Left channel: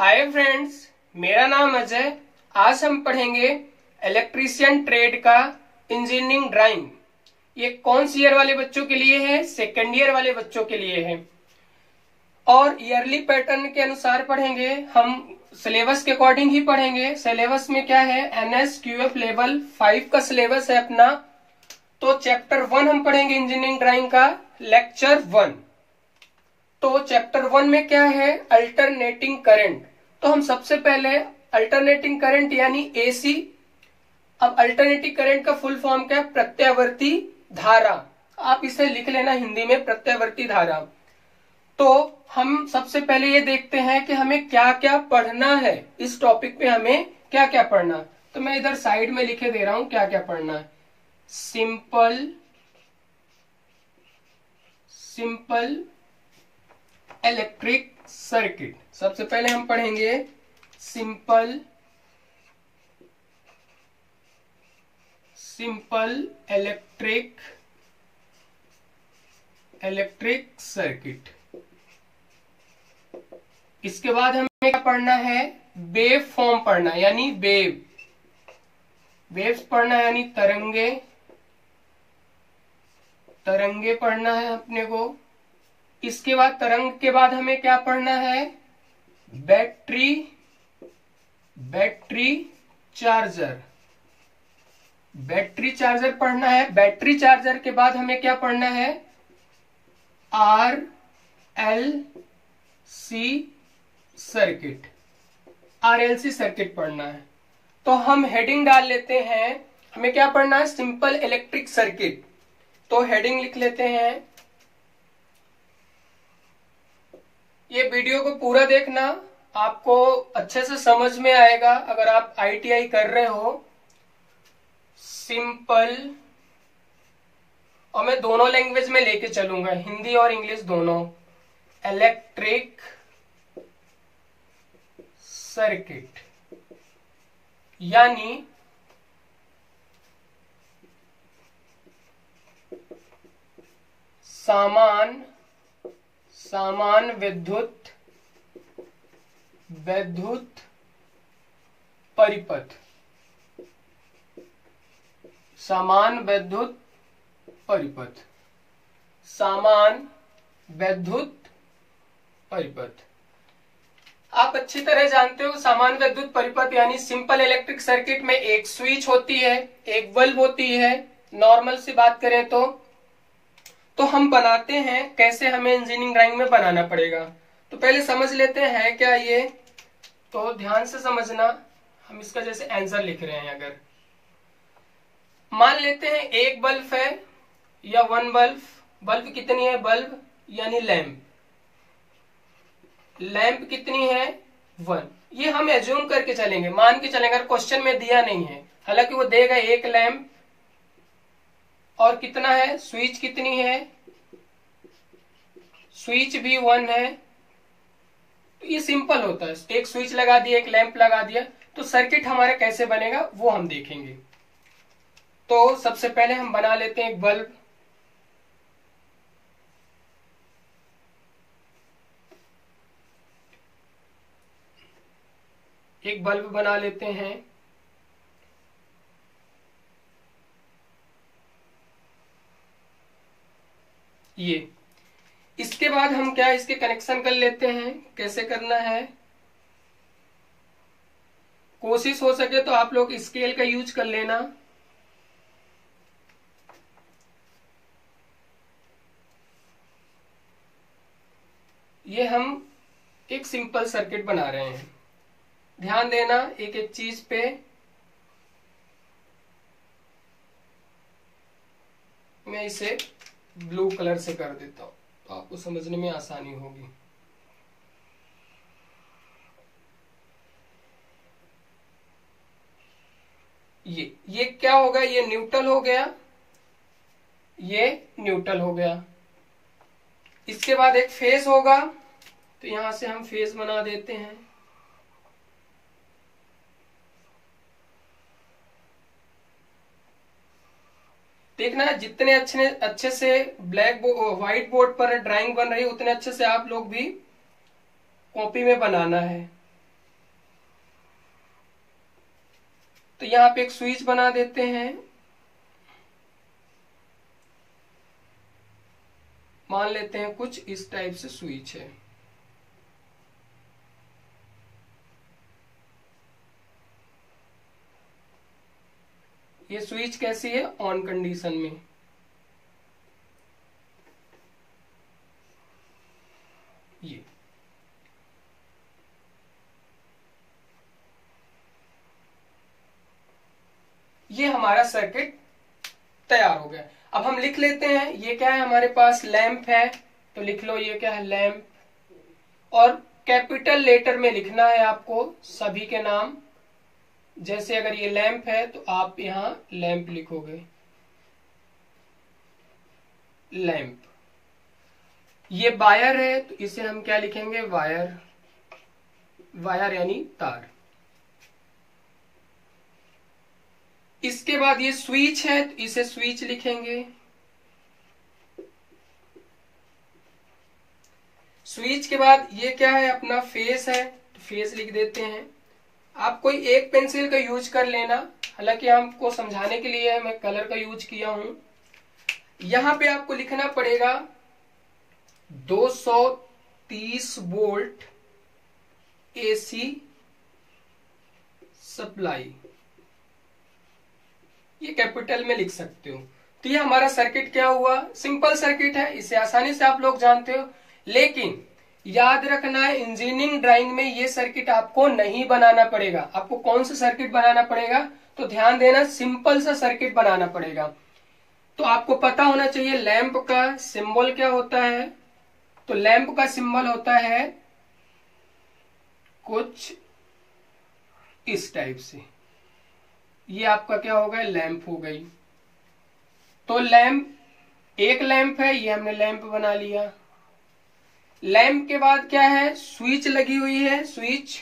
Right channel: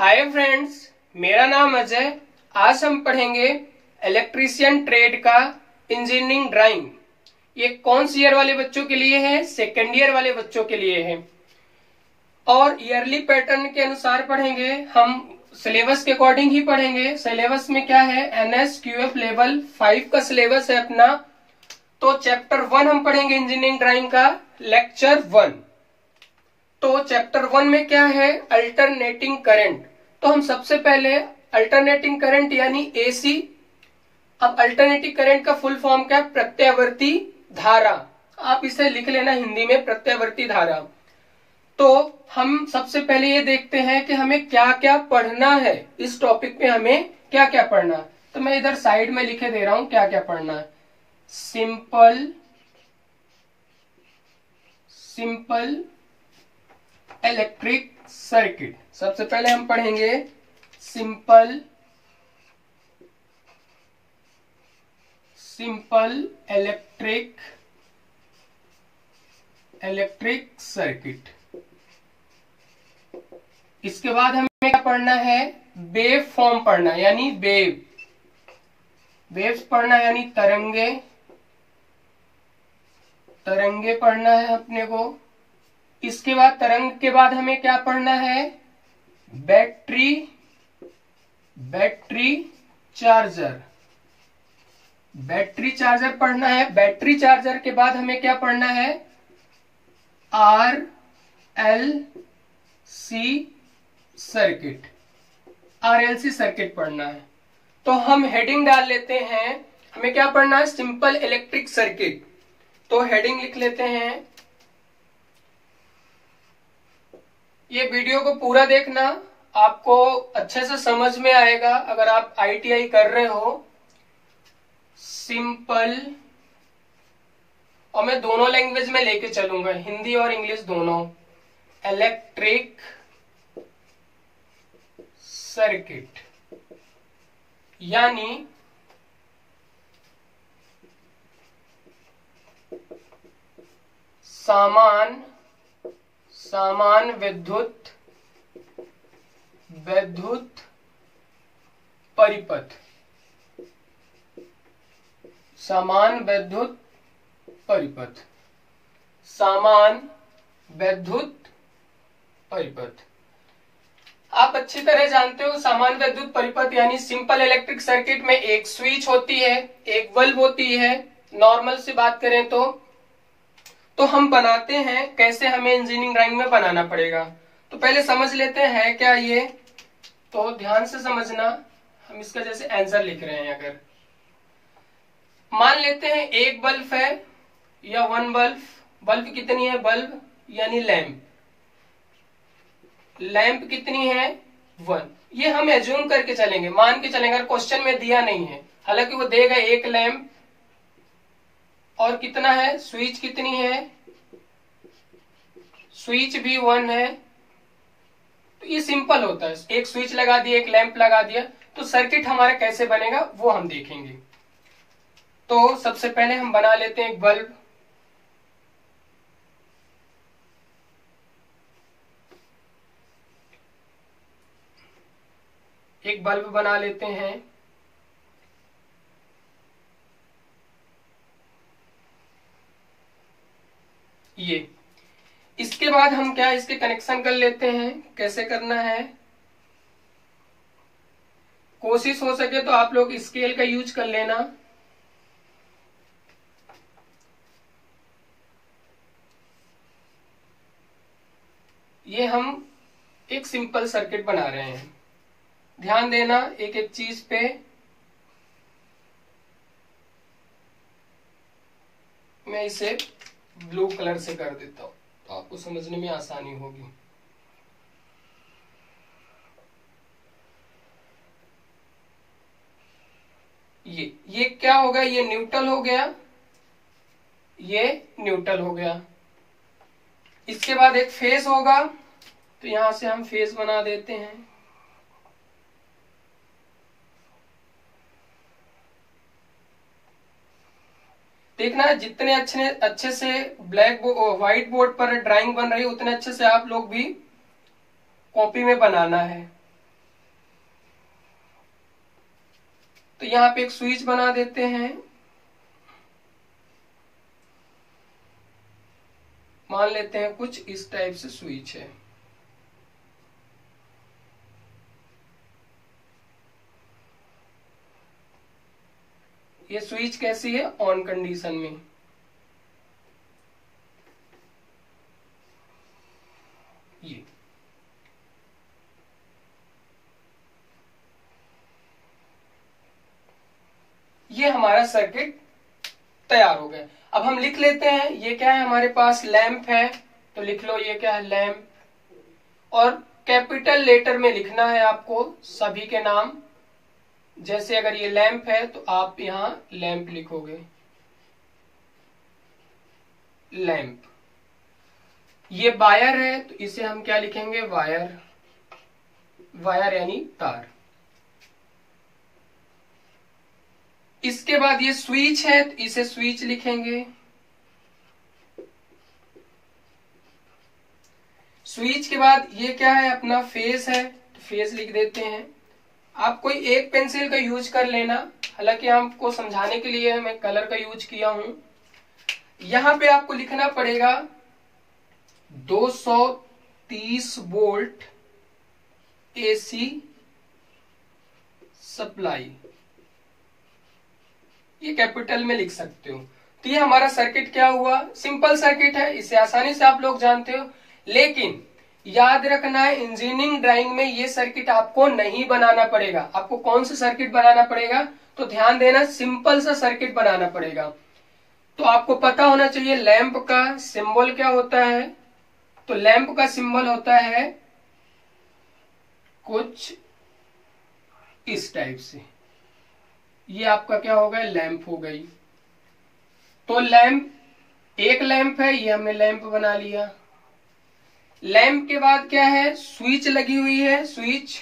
Hi friends, मेरा नाम अजय। आज हम पढ़ेंगे इलेक्ट्रीशियन ट्रेड का इंजीनियरिंग ड्राइंग। ये कौन सी ईयर वाले बच्चों के लिए है? सेकेंड ईयर वाले बच्चों के लिए है। और ईयरली पैटर्न के अनुसार पढ़ेंगे हम, सिलेबस के अकॉर्डिंग ही पढ़ेंगे। सिलेबस में क्या है? NSQF लेवल 5 का सिलेबस है अपना। तो चैप्टर 1 हम पढ़ेंगे इंजीनियरिंग ड्राइंग का, लेक्चर 1। तो चैप्टर 1 में क्या है? Alternating current. तो हम सबसे पहले अल्टरनेटिंग करंट यानी AC। अब अल्टरनेटिंग करंट का फुल फॉर्म क्या है? प्रत्यावर्ती धारा। आप इसे लिख लेना हिंदी में, प्रत्यावर्ती धारा। तो हम सबसे पहले ये देखते हैं कि हमें क्या क्या पढ़ना है, इस टॉपिक पे हमें क्या क्या पढ़ना। तो मैं इधर साइड में लिखे दे रहा हूं क्या क्या पढ़ना है। Simple electric circuit. सबसे पहले हम पढ़ेंगे सिंपल इलेक्ट्रिक सर्किट। इसके बाद हमें क्या पढ़ना है? वेव फॉर्म पढ़ना, यानी वेव्स पढ़ना, यानी तरंगे पढ़ना है अपने को। इसके बाद तरंग के बाद हमें क्या पढ़ना है? बैटरी चार्जर पढ़ना है। बैटरी चार्जर के बाद हमें क्या पढ़ना है? RLC सर्किट पढ़ना है। तो हम हेडिंग डाल लेते हैं, हमें क्या पढ़ना है? Simple electric circuit. तो हेडिंग लिख लेते हैं। ये वीडियो को पूरा देखना, आपको अच्छे से समझ में आएगा अगर आप ITI कर रहे हो। सिंपल, और मैं दोनों लैंग्वेज में लेके चलूंगा, हिंदी और इंग्लिश दोनों। इलेक्ट्रिक सर्किट यानी सामान विद्युत परिपथ। सामान विद्युत परिपथ। आप अच्छी तरह जानते हो सामान विद्युत परिपथ यानी सिंपल इलेक्ट्रिक सर्किट में एक स्विच होती है, एक बल्ब होती है। नॉर्मल से बात करें तो हम बनाते हैं कैसे, हमें इंजीनियरिंग ड्राइंग में बनाना पड़ेगा। तो पहले समझ लेते हैं क्या ये, तो ध्यान से समझना। हम इसका जैसे आंसर लिख रहे हैं, अगर मान लेते हैं एक बल्ब है या वन बल्ब कितनी है? बल्ब यानी लैंप कितनी है? 1। ये हम एज्यूम करके चलेंगे, मान के चलेंगे, अगर क्वेश्चन में दिया नहीं है। हालांकि वो देगा एक लैंप, और कितना है? स्विच कितनी है? स्विच भी 1 है। तो ये सिंपल होता है, एक स्विच लगा दिया, एक लैंप लगा दिया। तो सर्किट हमारा कैसे बनेगा वो हम देखेंगे। तो सबसे पहले हम बना लेते हैं एक बल्ब। एक बल्ब बना लेते हैं। ये इसके बाद हम क्या, इसके कनेक्शन कर लेते हैं। कैसे करना है? कोशिश हो सके तो आप लोग स्केल का यूज कर लेना। ये हम एक सिंपल सर्किट बना रहे हैं। ध्यान देना एक एक चीज पे। मैं इसे ब्लू कलर से कर देता हूं तो आपको समझने में आसानी होगी। ये क्या होगा? ये न्यूट्रल हो गया, ये न्यूट्रल हो गया। इसके बाद एक फेज होगा, तो यहां से हम फेज बना देते हैं। देखना जितने अच्छे से व्हाइट बोर्ड पर ड्राइंग बन रही है, उतने अच्छे से आप लोग भी कॉपी में बनाना है। तो यहाँ पे एक स्विच बना देते हैं। मान लेते हैं कुछ इस टाइप से स्विच है। ये स्विच कैसी है, ऑन कंडीशन में। ये हमारा सर्किट तैयार हो गया। अब हम लिख लेते हैं, ये क्या है हमारे पास, लैंप है, तो लिख लो ये क्या है, लैंप। और कैपिटल लेटर में लिखना है आपको सभी के नाम। जैसे अगर ये लैंप है तो आप यहां लैंप लिखोगे, लैंप। ये वायर है तो इसे हम क्या लिखेंगे, वायर। वायर यानी तार। इसके बाद ये स्विच है तो इसे स्विच लिखेंगे। स्विच के बाद ये क्या है, अपना फेस है, तो फेस लिख देते हैं। आप कोई एक पेंसिल का यूज कर लेना, हालांकि आपको समझाने के लिए मैं कलर का यूज किया हूं। यहां पे आपको लिखना पड़ेगा 230 वोल्ट एसी सप्लाई, ये कैपिटल में लिख सकते हो। तो ये हमारा सर्किट क्या हुआ, सिंपल सर्किट है, इसे आसानी से आप लोग जानते हो। लेकिन याद रखना है, इंजीनियरिंग ड्राइंग में ये सर्किट आपको नहीं बनाना पड़ेगा। आपको कौन सा सर्किट बनाना पड़ेगा, तो ध्यान देना, सिंपल सा सर्किट बनाना पड़ेगा। तो आपको पता होना चाहिए लैंप का सिंबल क्या होता है। तो लैंप का सिंबल होता है कुछ इस टाइप से। ये आपका क्या हो गया, लैंप हो गई। तो लैंप, एक लैंप है, ये हमने लैंप बना लिया। लैंप के बाद क्या है, स्विच लगी हुई है, स्विच।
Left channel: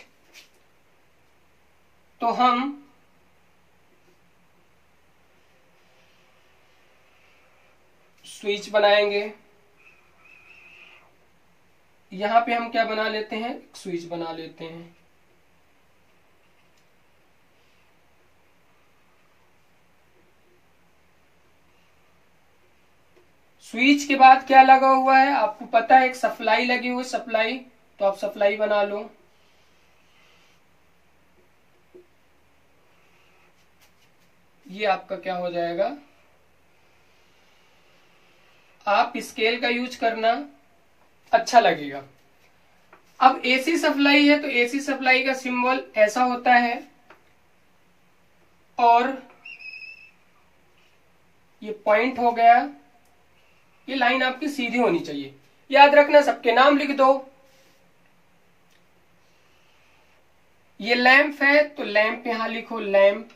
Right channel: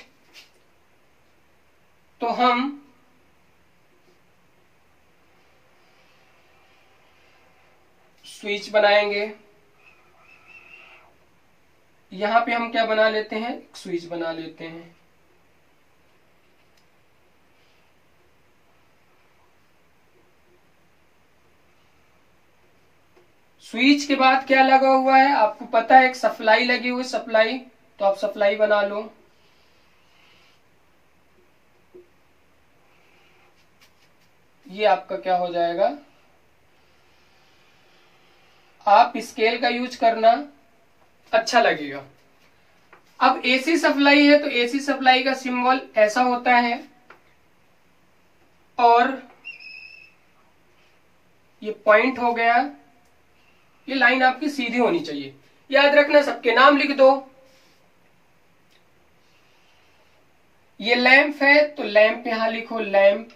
तो हम स्विच बनाएंगे। यहां पे हम क्या बना लेते हैं, स्विच बना लेते हैं। स्विच के बाद क्या लगा हुआ है, आपको पता है, एक सप्लाई लगी हुई, सप्लाई। तो आप सप्लाई बना लो। ये आपका क्या हो जाएगा, आप स्केल का यूज करना, अच्छा लगेगा। अब एसी सप्लाई है तो एसी सप्लाई का सिंबल ऐसा होता है, और ये पॉइंट हो गया। ये लाइन आपकी सीधी होनी चाहिए। याद रखना, सबके नाम लिख दो। ये लैंप है तो लैंप यहां लिखो, लैंप,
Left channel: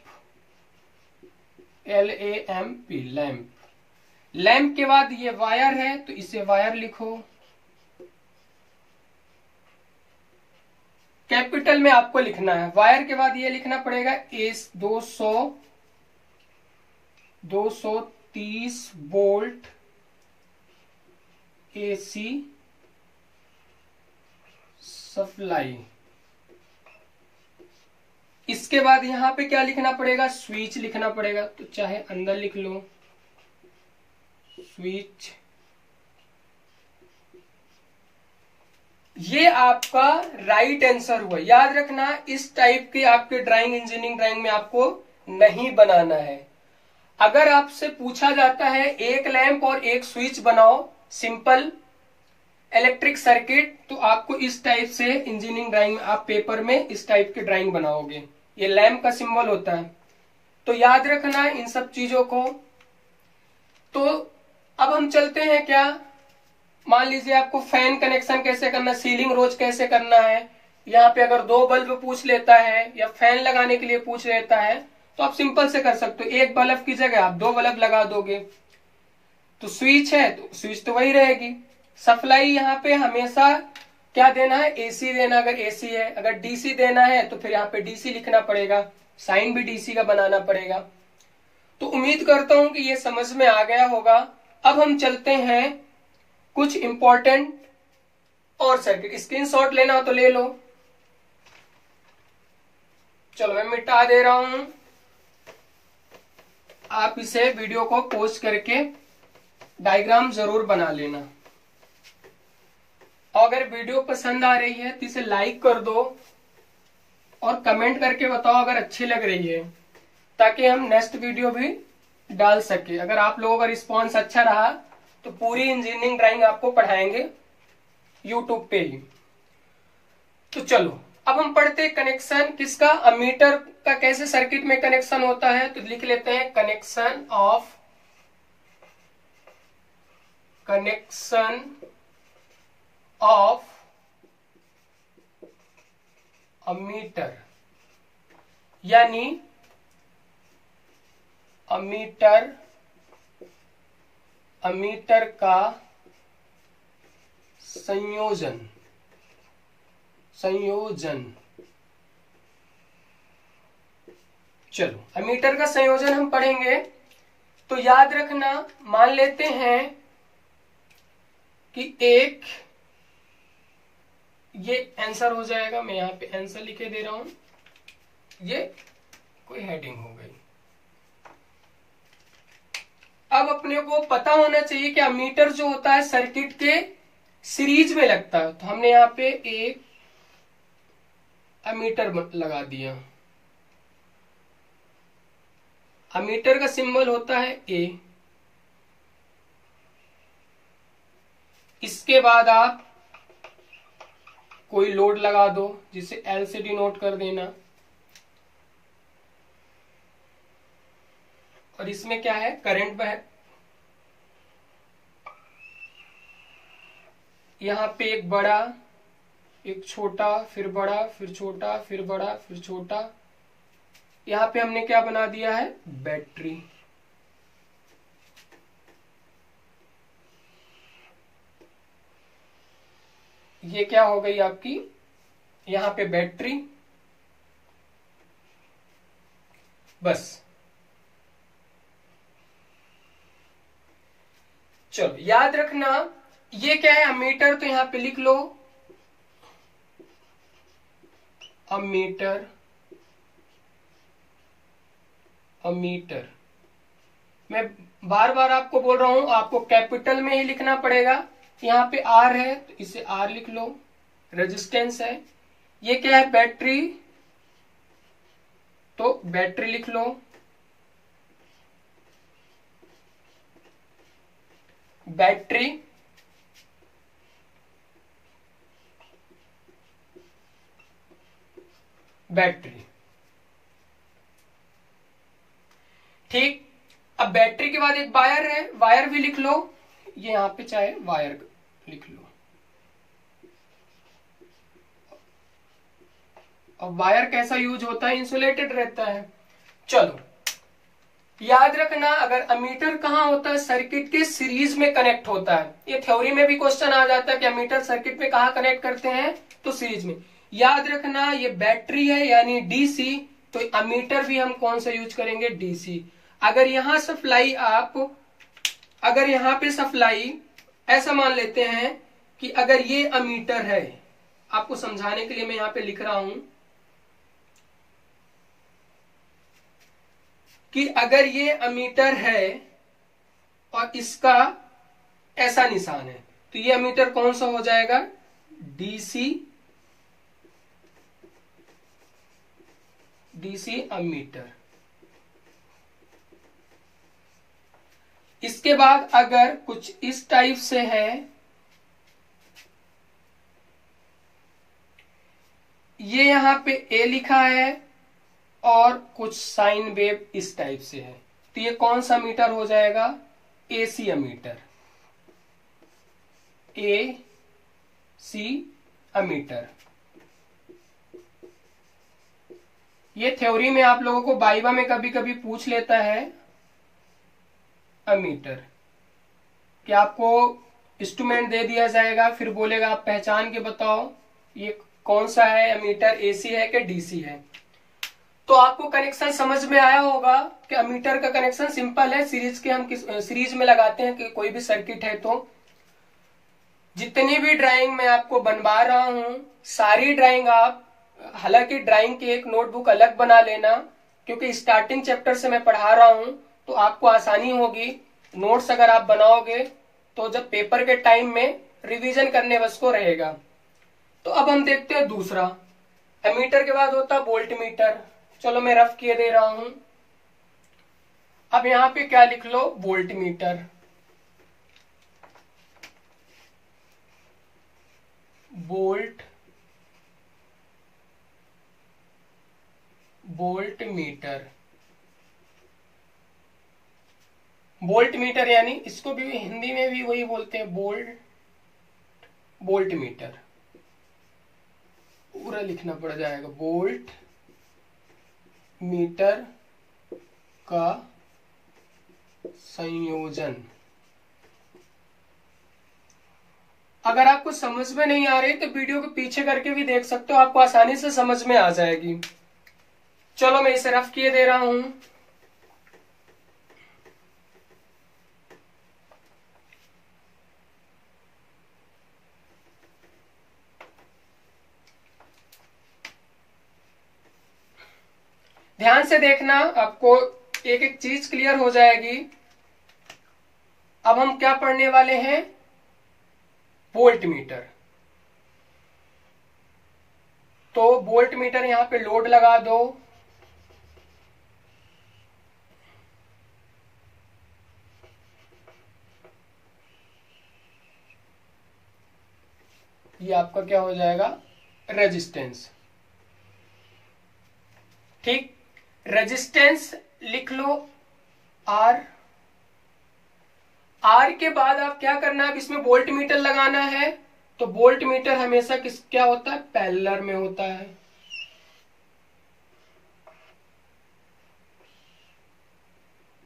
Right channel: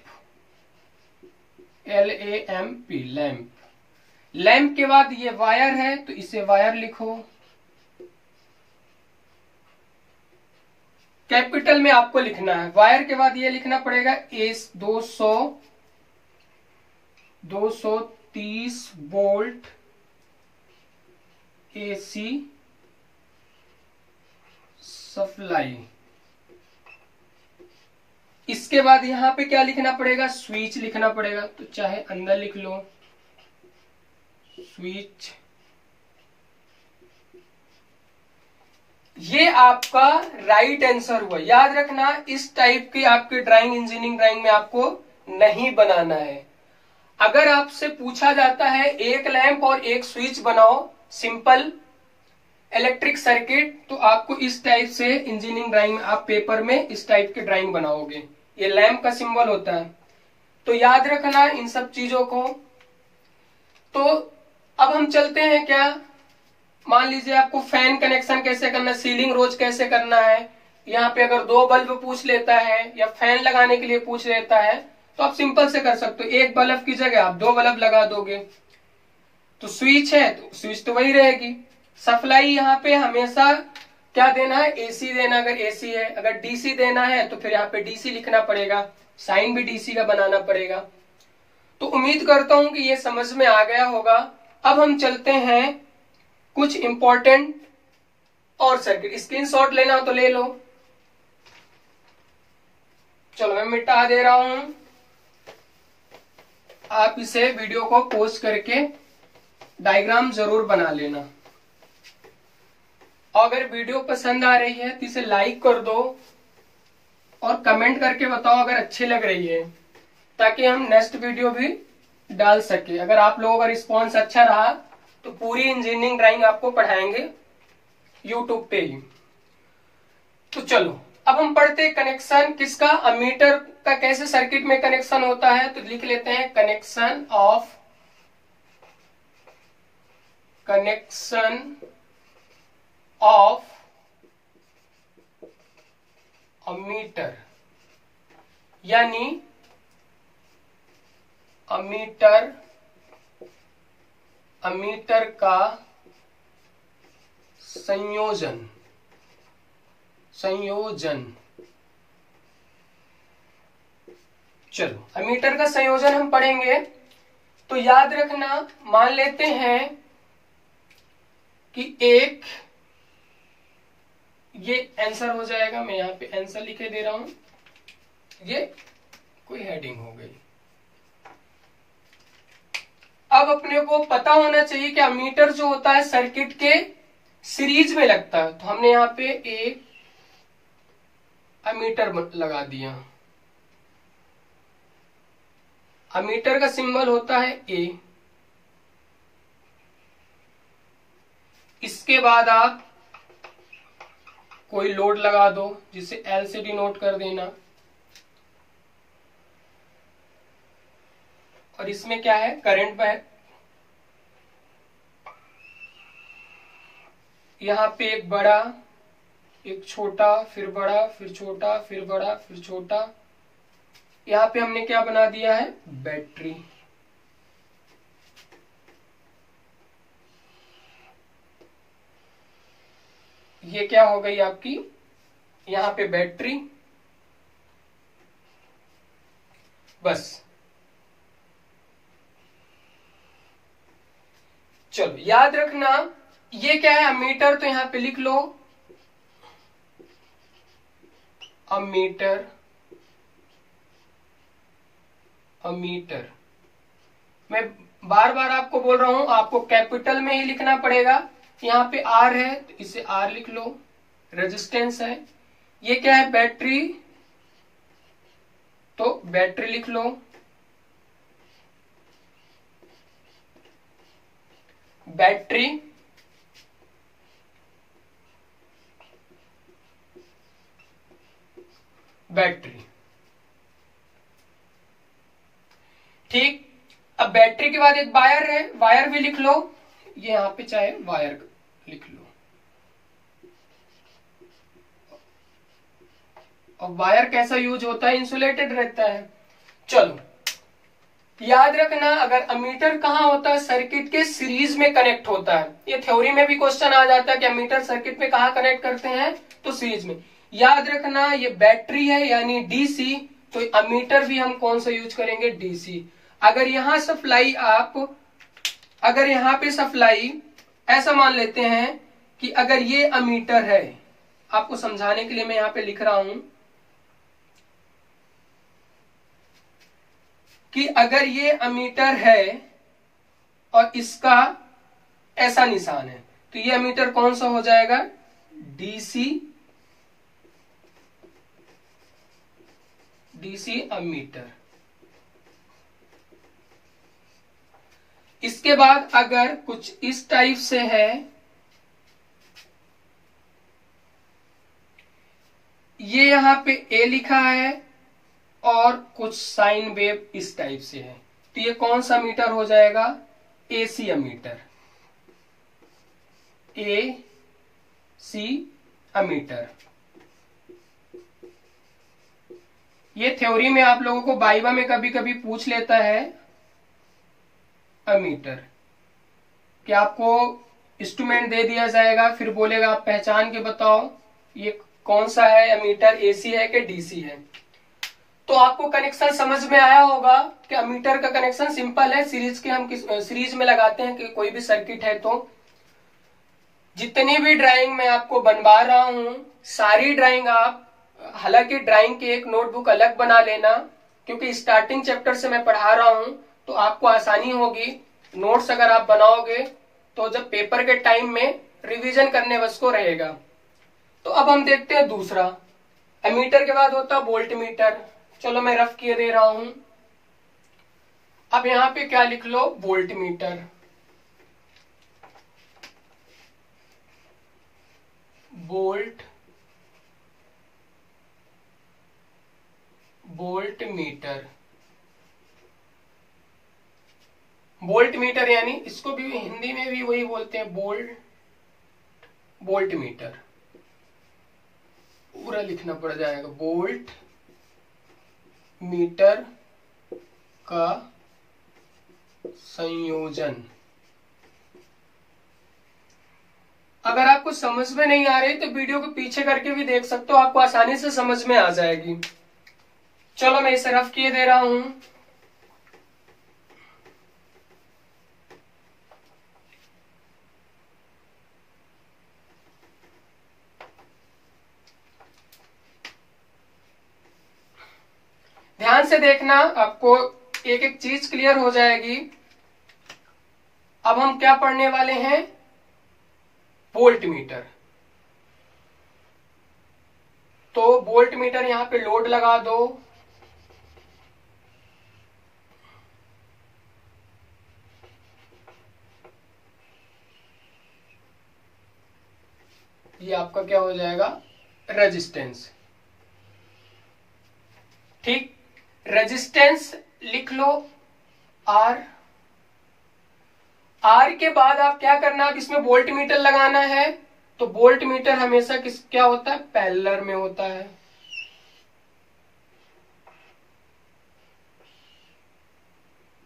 LAMP, लैंप। लैंप के बाद ये वायर है तो इसे वायर लिखो। कैपिटल में आपको लिखना है। वायर के बाद ये लिखना पड़ेगा एस 230 वोल्ट एसी सप्लाई। इसके बाद यहां पे क्या लिखना पड़ेगा, स्विच लिखना पड़ेगा। तो चाहे अंदर लिख लो, स्विच। ये आपका राइट आंसर हुआ। याद रखना, इस टाइप की आपके ड्राइंग, इंजीनियरिंग ड्राइंग में आपको नहीं बनाना है। अगर आपसे पूछा जाता है एक लैंप और एक स्विच बनाओ, सिंपल इलेक्ट्रिक सर्किट, तो आपको इस टाइप से इंजीनियरिंग ड्राइंग में आप पेपर में इस टाइप की ड्राइंग बनाओगे। ये लैंप का सिंबल होता है। तो याद रखना इन सब चीजों को। तो अब हम चलते हैं, क्या मान लीजिए आपको फैन कनेक्शन कैसे करना, सीलिंग रोज कैसे करना है। यहाँ पे अगर 2 बल्ब पूछ लेता है या फैन लगाने के लिए पूछ लेता है, तो आप सिंपल से कर सकते हो। एक बल्ब की जगह आप 2 बल्ब लगा दोगे। तो स्विच है तो स्विच तो वही रहेगी। सप्लाई यहाँ पे हमेशा क्या देना है, एसी देना, अगर एसी है। अगर डीसी देना है तो फिर यहाँ पे डीसी लिखना पड़ेगा, साइन भी डीसी का बनाना पड़ेगा। तो उम्मीद करता हूं कि ये समझ में आ गया होगा। अब हम चलते हैं कुछ इंपॉर्टेंट और सर्किट। स्क्रीनशॉट लेना हो तो ले लो। चलो मैं मिटा दे रहा हूं। आप इसे वीडियो को पॉज करके डायग्राम जरूर बना लेना। और अगर वीडियो पसंद आ रही है तो इसे लाइक कर दो और कमेंट करके बताओ अगर अच्छी लग रही है, ताकि हम नेक्स्ट वीडियो भी डाल सके। अगर आप लोगों का रिस्पॉन्स अच्छा रहा तो पूरी इंजीनियरिंग ड्राइंग आपको पढ़ाएंगे यूट्यूब पे ही। तो चलो अब हम पढ़ते हैं कनेक्शन किसका, अमीटर का कैसे सर्किट में कनेक्शन होता है। तो लिख लेते हैं कनेक्शन ऑफ अमीटर, यानी अमीटर का संयोजन। चलो अमीटर का संयोजन हम पढ़ेंगे। तो याद रखना, मान लेते हैं कि एक, ये आंसर हो जाएगा, मैं यहां पे आंसर लिखे दे रहा हूं, ये कोई हेडिंग हो गई। अब अपने को पता होना चाहिए कि अमीटर जो होता है सर्किट के सीरीज में लगता है। तो हमने यहां पे एक अमीटर लगा दिया। अमीटर का सिंबल होता है ए। इसके बाद आप कोई लोड लगा दो जिसे एल से डिनोट कर देना। और इसमें क्या है, करंट बह, यहां पे एक बड़ा, एक छोटा, फिर बड़ा, फिर छोटा, फिर बड़ा, फिर छोटा। यहां पे हमने क्या बना दिया है, बैटरी। ये क्या हो गई आपकी, यहां पे बैटरी। बस चलो याद रखना, ये क्या है, अमीटर। तो यहां पे लिख लो अमीटर। मैं बार बार आपको बोल रहा हूं, आपको कैपिटल में ही लिखना पड़ेगा। यहां पे आर है तो इसे आर लिख लो, रेजिस्टेंस है। ये क्या है, बैटरी, तो बैटरी लिख लो। बैटरी, ठीक। अब बैटरी के बाद एक वायर है, वायर भी लिख लो। ये यहां पे चाहे वायर लिख लो। अब वायर कैसा यूज होता है, इंसुलेटेड रहता है। चलो याद रखना, अगर अमीटर कहाँ होता है, सर्किट के सीरीज में कनेक्ट होता है। ये थ्योरी में भी क्वेश्चन आ जाता है कि अमीटर सर्किट में कहाँ कनेक्ट करते हैं, तो सीरीज में। याद रखना ये बैटरी है यानी डीसी, तो अमीटर भी हम कौन सा यूज करेंगे, डीसी। अगर यहां सप्लाई अगर यहां पे सप्लाई, ऐसा मान लेते हैं कि अगर ये अमीटर है, आपको समझाने के लिए मैं यहां पे लिख रहा हूं कि अगर ये अमीटर है और इसका ऐसा निशान है, तो ये अमीटर कौन सा हो जाएगा, डीसी अमीटर। इसके बाद अगर कुछ इस टाइप से है, ये यहां पे ए लिखा है और कुछ साइन वेव इस टाइप से है, तो ये कौन सा मीटर हो जाएगा, एसी अमीटर। AC ammeter. ये थ्योरी में आप लोगों को बाइबा में कभी कभी पूछ लेता है अमीटर, कि आपको इंस्ट्रूमेंट दे दिया जाएगा, फिर बोलेगा आप पहचान के बताओ ये कौन सा है अमीटर, एसी है कि डीसी है। तो आपको कनेक्शन समझ में आया होगा कि अमीटर का कनेक्शन सिंपल है, सीरीज के हम सीरीज में लगाते हैं कि कोई भी सर्किट है। तो जितनी भी ड्राइंग मैं आपको बनवा रहा हूं, सारी ड्राइंग आप, हालांकि ड्राइंग की एक नोटबुक अलग बना लेना, क्योंकि स्टार्टिंग चैप्टर से मैं पढ़ा रहा हूं, तो आपको आसानी होगी। नोट्स अगर आप बनाओगे तो जब पेपर के टाइम में रिवीजन करने बस को रहेगा। तो अब हम देखते हैं दूसरा। एमीटर के बाद होता है वोल्ट मीटर। चलो मैं रफ किए दे रहा हूं। अब यहां पे क्या लिख लो, volt meter. Volt meter. Volt meter यानी इसको भी हिंदी में भी वही बोलते हैं, वोल्ट मीटर। पूरा लिखना पड़ जाएगा, वोल्ट मीटर का संयोजन। अगर आपको समझ में नहीं आ रही तो वीडियो को पीछे करके भी देख सकते हो, आपको आसानी से समझ में आ जाएगी। चलो मैं इसे रफ किए दे रहा हूं। ध्यान से देखना, आपको एक एक चीज क्लियर हो जाएगी। अब हम क्या पढ़ने वाले हैं, वोल्ट मीटर। तो वोल्ट मीटर यहां पे लोड लगा दो। ये आपका क्या हो जाएगा, रेजिस्टेंस। ठीक, रेजिस्टेंस लिख लो आर। आर के बाद आप क्या करना है, इसमें वोल्ट मीटर लगाना है। तो वोल्ट मीटर हमेशा क्या होता है, पैरेलल में होता है।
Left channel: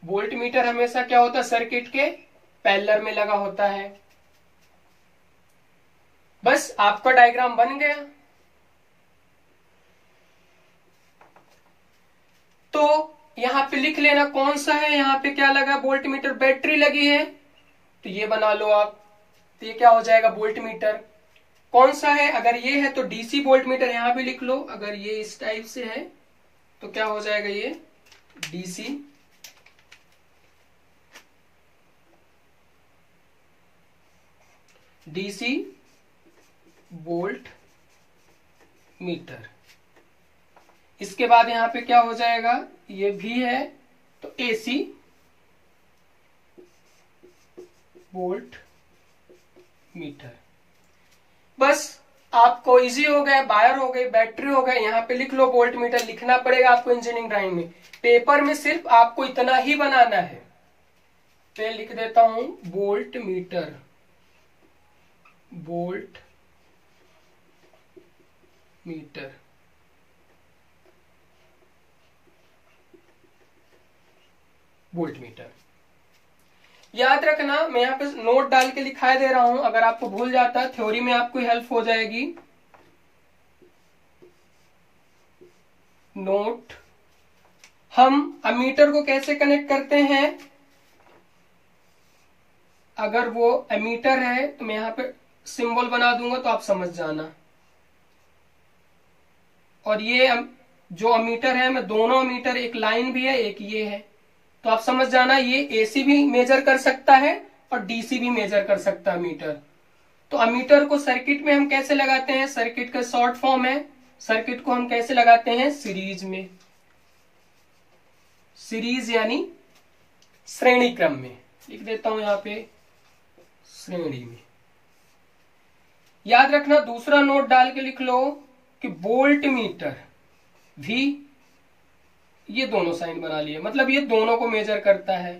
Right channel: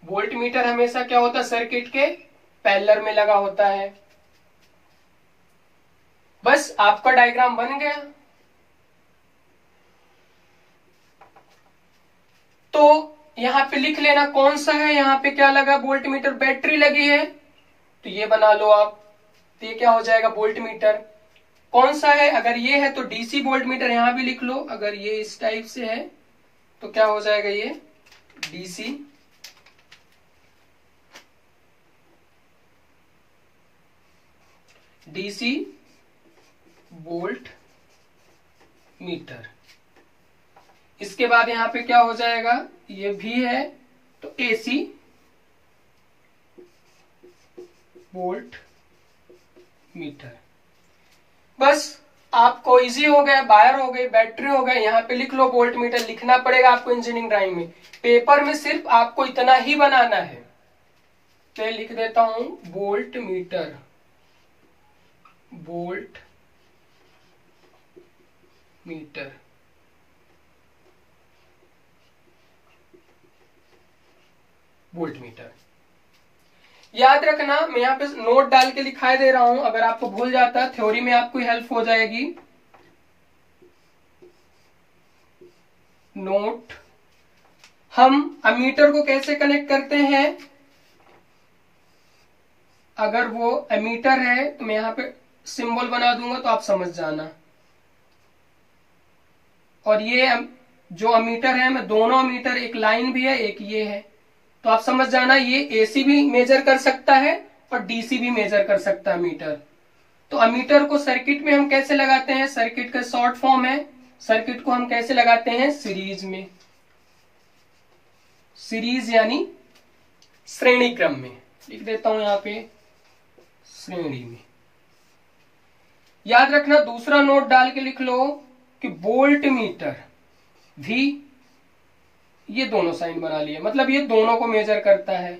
वोल्ट मीटर हमेशा क्या होता है, सर्किट के पैरेलल में लगा होता है। बस आपका डायग्राम बन गया। तो यहां पे लिख लेना कौन सा है, यहां पे क्या लगा, वोल्ट मीटर। बैटरी लगी है तो ये बना लो आप, तो ये क्या हो जाएगा, वोल्ट मीटर। कौन सा है, अगर ये है तो डीसी वोल्ट मीटर, यहां भी लिख लो। अगर ये इस टाइप से है तो क्या हो जाएगा, ये डीसी वोल्ट मीटर। इसके बाद यहां पे क्या हो जाएगा, ये भी है तो एसी वोल्ट मीटर। बस आपको इजी हो गया, वायर हो गई, बैटरी हो गई। यहां पे लिख लो वोल्ट मीटर, लिखना पड़ेगा आपको इंजीनियरिंग ड्राइंग में। पेपर में सिर्फ आपको इतना ही बनाना है। तो लिख देता हूं volt meter, volt meter. Volt metre याद रखना, मैं यहां पे नोट डाल के लिखाई दे रहा हूं। अगर आपको भूल जाता है, थ्योरी में आपको हेल्प हो जाएगी। नोट, हम अमीटर को कैसे कनेक्ट करते हैं। अगर वो अमीटर है तो मैं यहां पे सिंबल बना दूंगा तो आप समझ जाना। और ये जो अमीटर है, मैं दोनों अमीटर, एक लाइन भी है एक ये है, तो आप समझ जाना ये एसी भी मेजर कर सकता है और डीसी भी मेजर कर सकता है अमीटर। तो अमीटर को सर्किट में हम कैसे लगाते हैं, सर्किट का शॉर्ट फॉर्म है, सर्किट को हम कैसे लगाते हैं, सीरीज में। सीरीज यानी श्रेणी क्रम में, लिख देता हूं यहां पे श्रेणी में। याद रखना, दूसरा नोट डाल के लिख लो कि वोल्ट मीटर भी, ये दोनों साइन बना लिए, मतलब ये दोनों को मेजर करता है।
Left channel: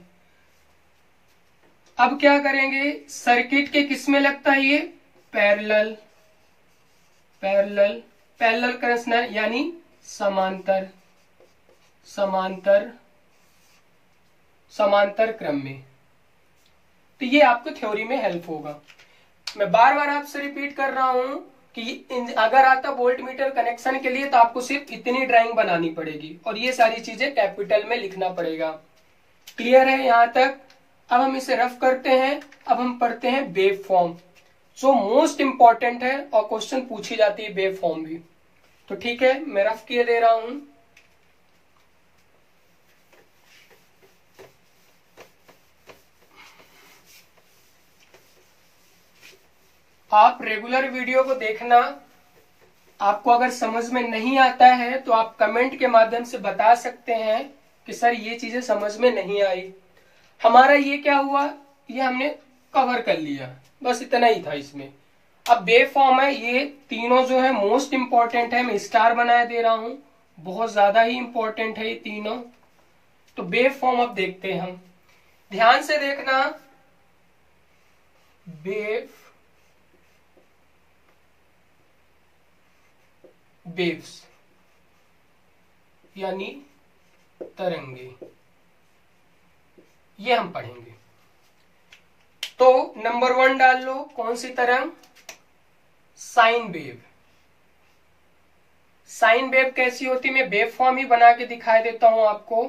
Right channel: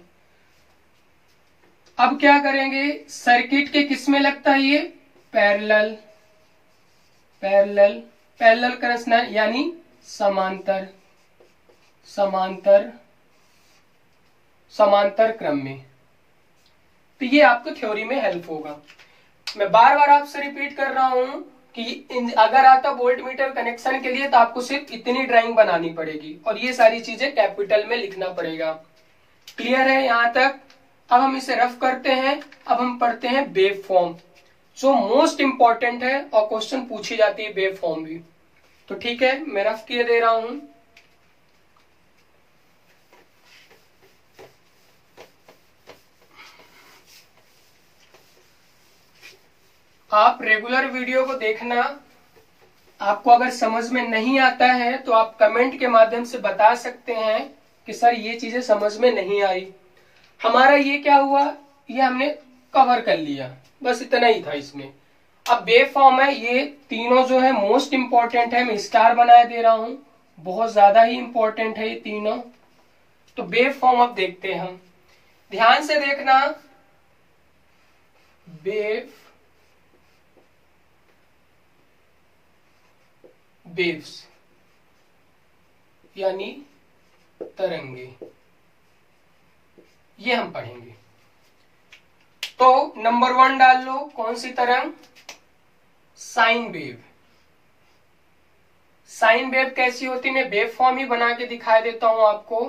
अब क्या करेंगे, सर्किट के किस में लगता है, ये पैरेलल, पैरेलल, पैरेलल कनेक्शन यानी समांतर, समांतर, समांतर क्रम में। तो ये आपको थ्योरी में हेल्प होगा। मैं बार बार आपसे रिपीट कर रहा हूं कि अगर आता वोल्ट मीटर कनेक्शन के लिए तो आपको सिर्फ इतनी ड्राइंग बनानी पड़ेगी और ये सारी चीजें कैपिटल में लिखना पड़ेगा। क्लियर है यहां तक। अब हम इसे रफ करते हैं। अब हम पढ़ते हैं वेव फॉर्म, जो मोस्ट इंपॉर्टेंट है और क्वेश्चन पूछी जाती है वेव फॉर्म भी। तो ठीक है, मैं रफ किए दे रहा हूं। आप रेगुलर वीडियो को देखना। आपको अगर समझ में नहीं आता है तो आप कमेंट के माध्यम से बता सकते हैं कि सर ये चीजें समझ में नहीं आई। हमारा ये क्या हुआ, ये हमने कवर कर लिया, बस इतना ही था इसमें। अब वेव फॉर्म है, ये तीनों जो है मोस्ट इंपॉर्टेंट है, मैं स्टार बनाया दे रहा हूं, बहुत ज्यादा ही इंपॉर्टेंट है ये तीनों। तो वेव फॉर्म अब देखते हैं हम, ध्यान से देखना। वेव्स यानी तरंगे, ये हम पढ़ेंगे। तो नंबर 1 डाल लो, कौन सी तरंग, साइन वेव। साइन वेव कैसी होती, मैं वेव फॉर्म ही बना के दिखा देता हूं आपको।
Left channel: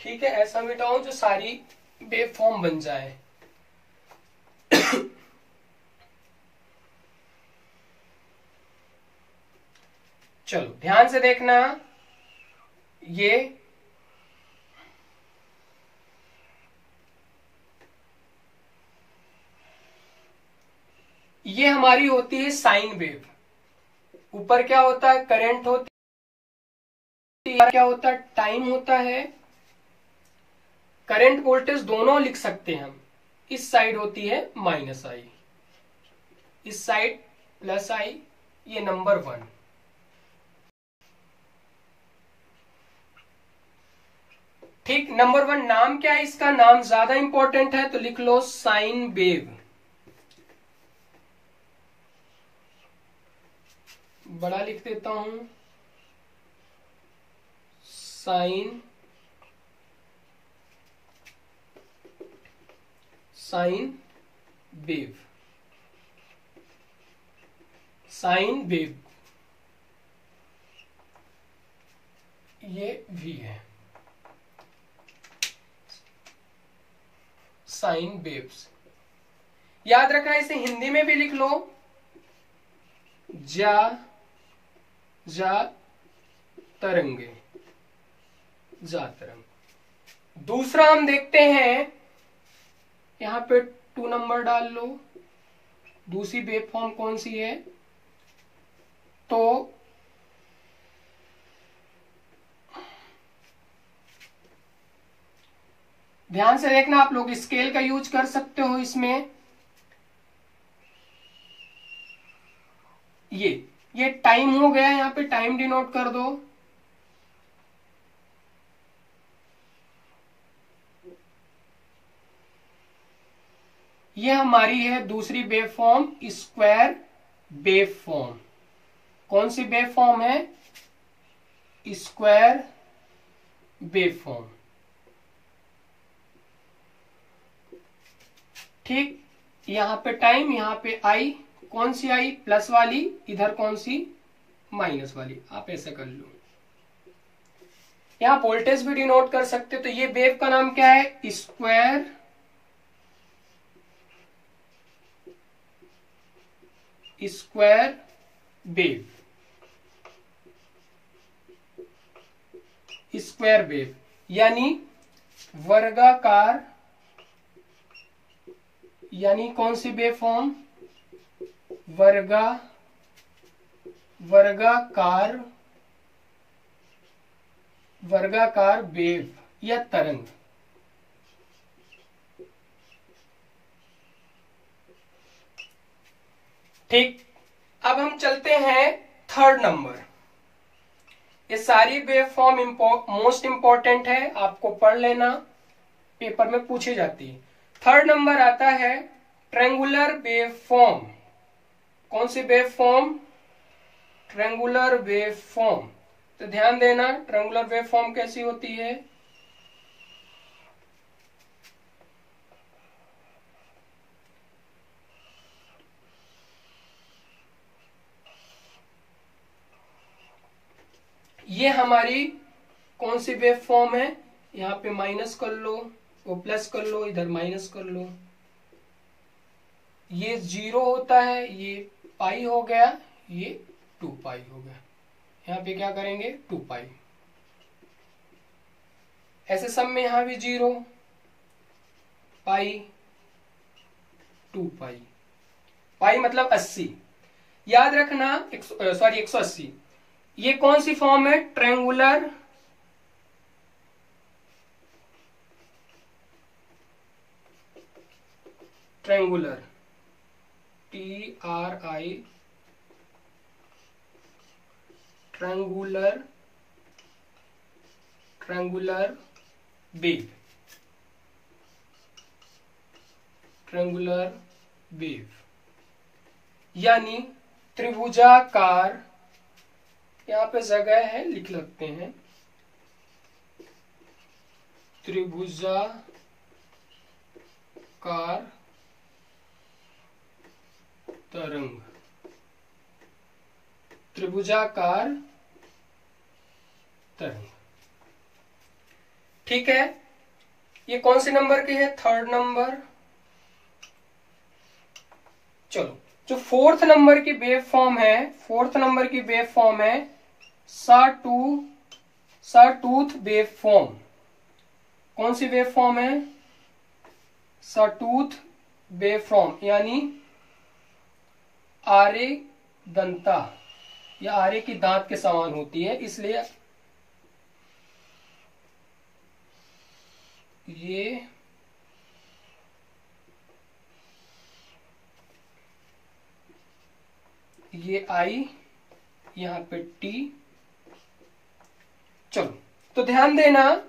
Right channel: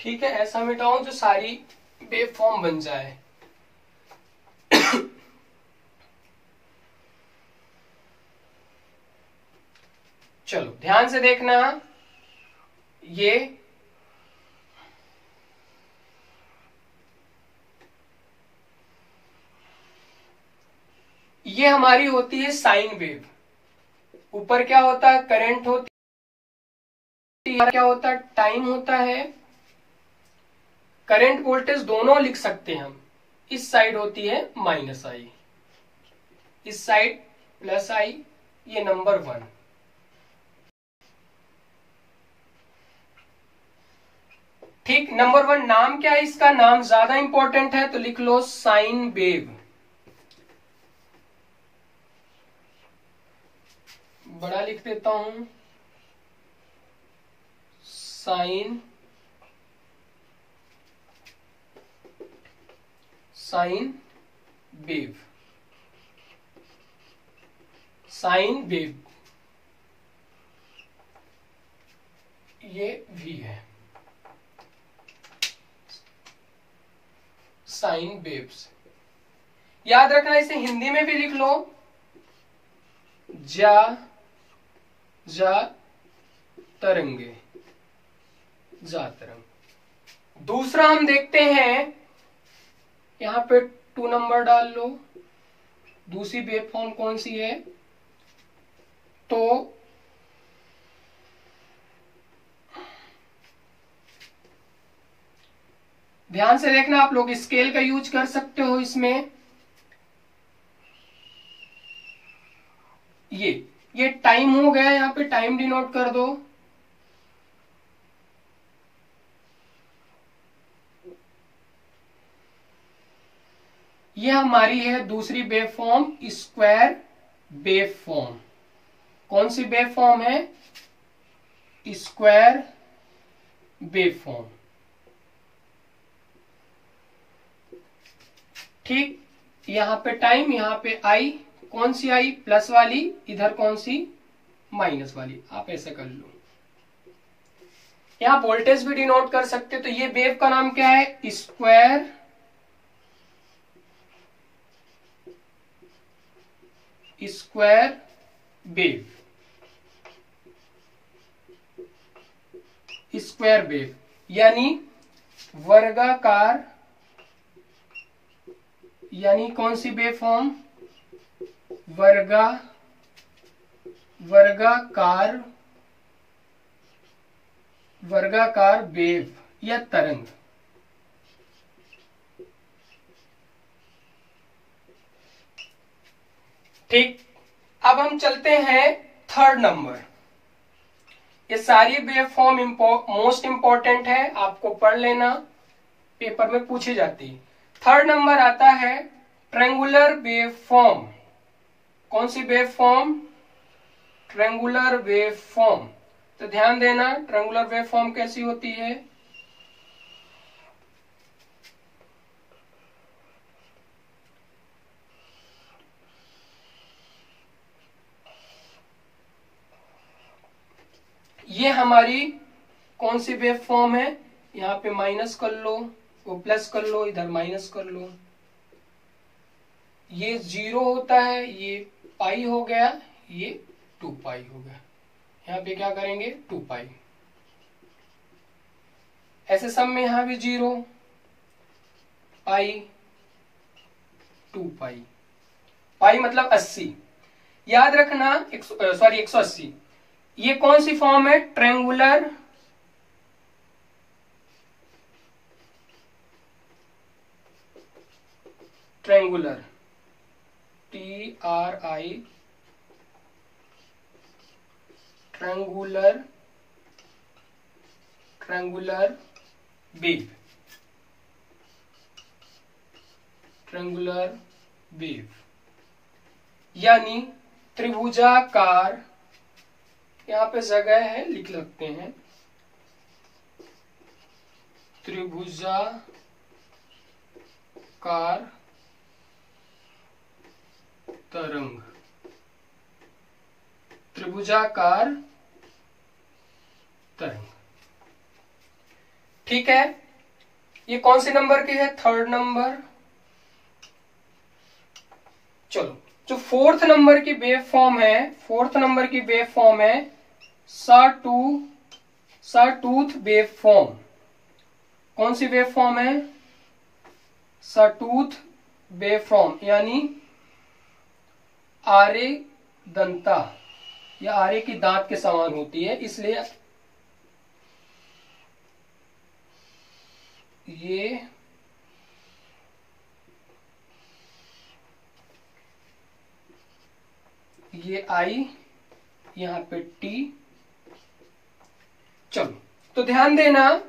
ठीक है, ऐसा मिटाओ जो सारी वेव फॉर्म बन जाए। चलो ध्यान से देखना, ये हमारी होती है साइन वेव। ऊपर क्या होता है, करंट होती है, क्या होता है, टाइम होता है। करंट वोल्टेज दोनों लिख सकते हैं हम। इस साइड होती है माइनस आई, इस साइड प्लस आई, ये नंबर 1। ठीक, नंबर 1 नाम क्या है इसका, नाम ज्यादा इंपॉर्टेंट है तो लिख लो साइन वेव। बड़ा लिख देता हूं, साइन वेव, साइन वेव, ये भी है साइन वेव्स। याद रखना, इसे हिंदी में भी लिख लो, जा तरंगे, जा तरंग। दूसरा हम देखते हैं, यहां पे 2 नंबर डाल लो। दूसरी वेव फॉर्म कौन सी है, तो ध्यान से देखना, आप लोग स्केल का यूज कर सकते हो इसमें। ये टाइम हो गया, यहां पे टाइम डिनोट कर दो। ये हमारी है दूसरी wave form, square wave form. कौन सी वेव फॉर्म है, स्क्वायर वेव फॉर्म। ठीक, यहां पे टाइम, यहां पे आई, कौन सी आई, प्लस वाली, इधर कौन सी, माइनस वाली। आप ऐसे कर लो, यहां वोल्टेज भी डिनोट कर सकते। तो ये वेव का नाम क्या है, स्क्वायर वेव, स्क्वायर वेव यानी वर्गाकार, यानी कौन सी वेव फॉर्म, वर्गाकार वेव या तरंग। ठीक, अब हम चलते हैं 3rd नंबर। ये सारी वेव फॉर्म मोस्ट इंपॉर्टेंट है, आपको पढ़ लेना, पेपर में पूछी जाती है। 3rd नंबर आता है ट्रायंगुलर वेव फॉर्म। कौन सी wave form, triangular wave form. तो ध्यान देना, ट्रायंगुलर वेव फॉर्म कैसी होती है, ये हमारी कौन सी वेव फॉर्म है, यहां पे माइनस कर लो, वो प्लस कर लो, इधर माइनस कर लो। ये 0 होता है, ये पाई हो गया, ये 2 पाई हो गया। यहां पे क्या करेंगे, 2 पाई। ऐसे सब में यहां भी 0, पाई 2 पाई। पाई मतलब 80। याद रखना 180। ये कौन सी फॉर्म है? Triangular triangular TRI triangular wave, triangular wave यानी त्रिभुजाकार। यहां पे जगह है, लिख लगते हैं, त्रिभुजाकार तरंग, त्रिभुजाकार तरंग। ठीक है, ये कौन से नंबर के है? 3rd number. चलो, जो 4th नंबर की वेव फॉर्म है, 4th नंबर की वेव फॉर्म है सॉटूथ वेव फॉर्म। कौन सी वेव फॉर्म है? सॉटूथ वेव फॉर्म यानी आरे दंता, या आरे की दांत के समान होती है, इसलिए ये आई, यहां पे टी। चलो, तो ध्यान देना,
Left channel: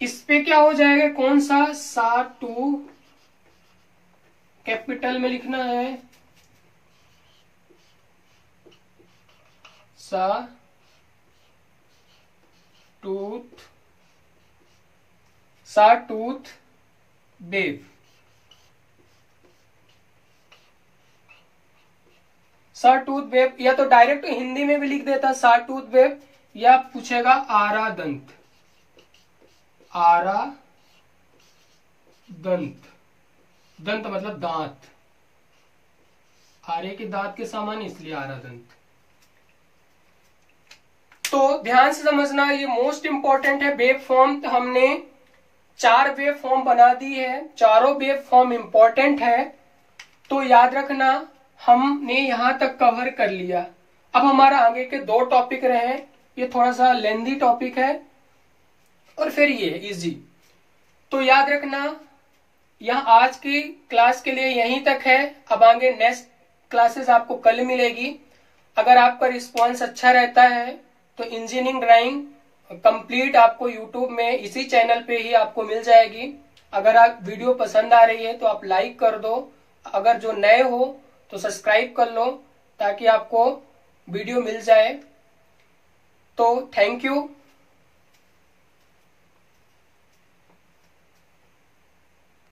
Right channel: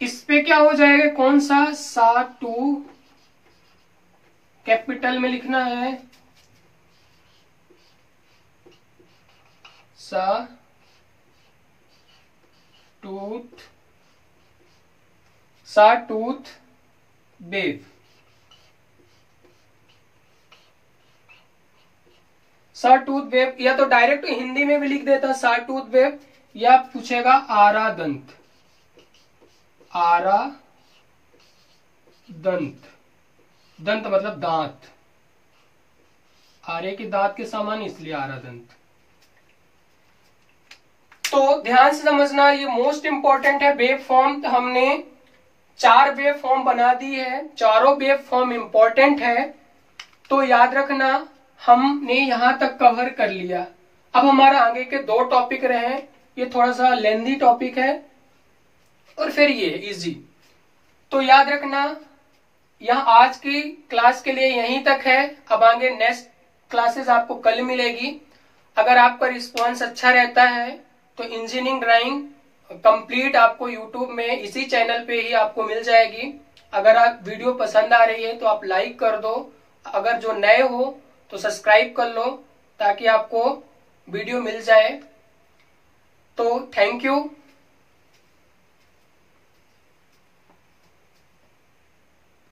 इस पे क्या हो जाएगा? कौन सा? सा-टू, कैपिटल में लिखना है, सा-टूथ वेव। सा-टूथ वेव, या तो डायरेक्ट हिंदी में भी लिख देता सा-टूथ वेव, या पूछेगा आरा दंत। आरा दंत, दंत मतलब दांत, आरे के दांत के समान, इसलिए आरा दंत। तो ध्यान से समझना, ये मोस्ट इंपॉर्टेंट है वेव फॉर्म। तो हमने 4 वेव फॉर्म बना दी है, चारों वेव फॉर्म इंपॉर्टेंट है, तो याद रखना हमने यहां तक कवर कर लिया। अब हमारा आगे के 2 टॉपिक रहे, ये थोड़ा सा लेंदी टॉपिक है, और फिर ये इजी। तो याद रखना, यहां आज की क्लास के लिए यहीं तक है। अब आगे नेक्स्ट क्लासेस आपको कल मिलेगी। अगर आपका रिस्पॉन्स अच्छा रहता है तो इंजीनियरिंग ड्राइंग कंप्लीट आपको यूट्यूब में इसी चैनल पे ही आपको मिल जाएगी। अगर आप वीडियो पसंद आ रही है तो आप लाइक कर दो, अगर जो नए हो तो सब्सक्राइब कर लो, ताकि आपको वीडियो मिल जाए। तो थैंक यू।